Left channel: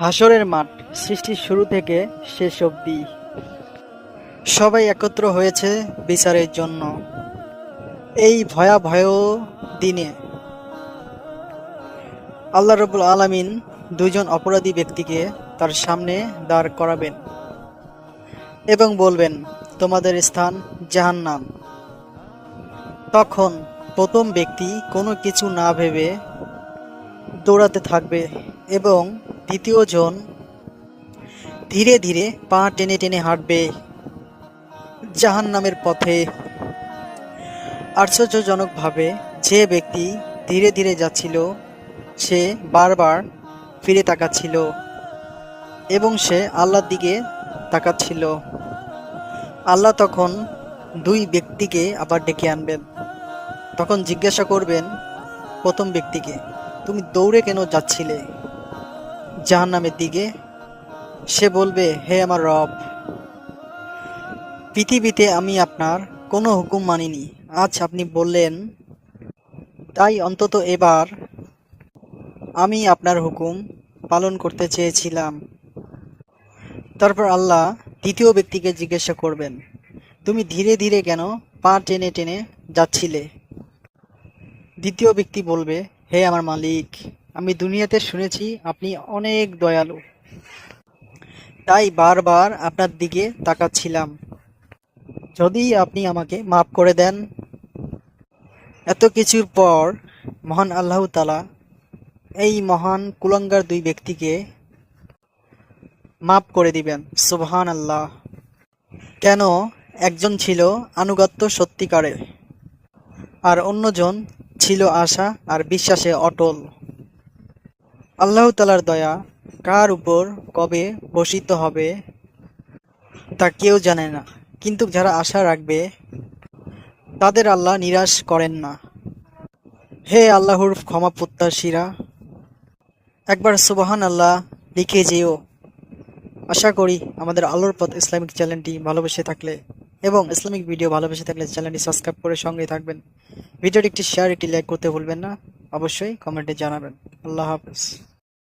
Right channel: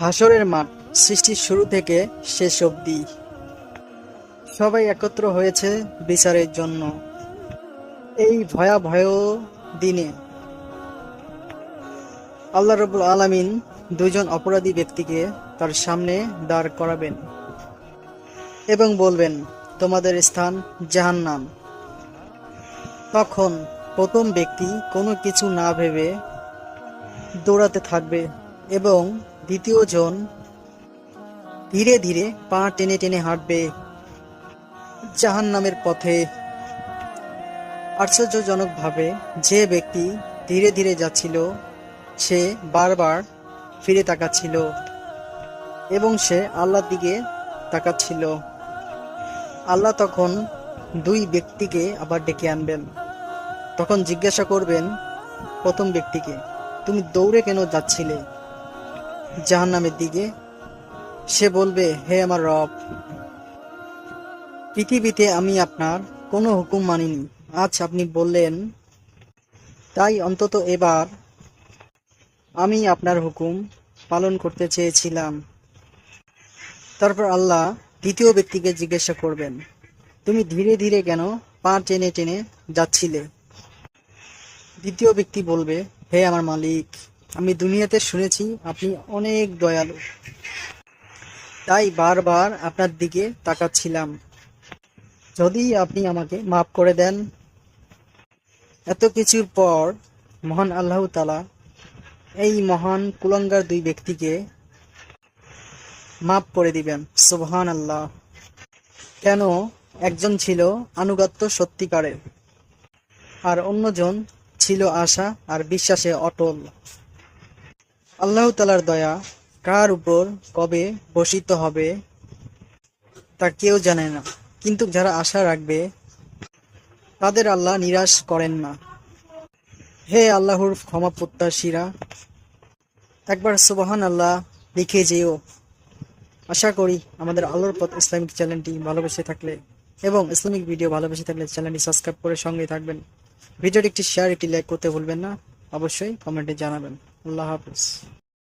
হাসরের মাঠ সৃষ্টির শুরু থেকে শেষ অবধি সবাই একত্র হয়েছে বিচারের জন্য। এই ভয়াবহ দিনে আল্লাহ রাব্বুল আলামিন দুইজন অপরাধী ব্যক্তিকে তার সামনে দাঁড় করাবেন এবং বলবেন, তোমাদের স্থান জাহান্নাম। তখন প্রথম ব্যক্তি কোনো কিছু না ভেবে দৌড়াতে থাকবে এবং দ্বিতীয় জন ধীরে ধীরে পা টেনে টেনে হাঁটবে জাহান্নামের পথে। আশ্চর্যজনকভাবে যে ব্যক্তি ধীরে ধীরে যাচ্ছিল সে বারবার ফিরে তাকাচ্ছিল এবং সে আল্লাহর দিকে তাকাচ্ছিল। আল্লাহ তখন দুই ব্যক্তিকে আবার ডেকে আনবেন। তখন জিজ্ঞাসা করবেন প্রথম ব্যক্তিকে, তুমি দৌড়ে কেন যাচ্ছিলে জাহান্নামের দিকে? সে বলবে, হে আমার রব, পৃথিবীতে আমি আপনার কোনো হুকুম মানিনি, আজ আপনি বললেন তাই অন্তত এবার আমি আপনার হুকুম পালন করতে চেয়েছিলাম। তারপর আল্লাহ দ্বিতীয় ব্যক্তিকে জিজ্ঞাসা করবেন, তুমি ধীরে ধীরে কেন পা টেনে টেনে যাচ্ছিলে? দ্বিতীয় ব্যক্তি বলবে, হে আমার মালিক, আমি দুনিয়াতে শুনেছি আপনি অনেক দয়ালু, তাই বারবার আপনার দিকে তাকাচ্ছিলাম, যদি আপনি আমাকে মাফ করে দেন। এত কিছুর পর মহান আল্লাহ তাআলা এই মহান কুলাঙ্গার দুই ব্যক্তিকে মাফ করে দিবেন। সুবহানাল্লাহ। কেন? একজন ছিল আনুগত্য সত্যিকারে আর অন্যজন ছিল আশা আর বিশ্বাসে অটল। আল্লাহ তাআলার দয়া কার উপর কবে বর্ষিত হবে তা কেউ জানে না, কিন্তু যারা আশা রাখবে তাদের আল্লাহ নিরাশ করেন না। হে আল্লাহর ক্ষমা প্রত্যাশীরা, একবার সুবহান আল্লাহ লিখে যেও। আশা করি আমাদের আলোর পথ ইসলামিক চ্যানেলটি ভালোবেসে থাকলে এবং ইসলামিক ভিডিও ভালোবেসে থাকলে চ্যানেলটি সাবস্ক্রাইব করে সঙ্গে থাকবেন। ভিডিওটি একটি শেয়ার, একটি লাইক করতে ভুলবেন না। অবশ্যই কমেন্টে জানাবেন। আল্লাহ হাফেজ।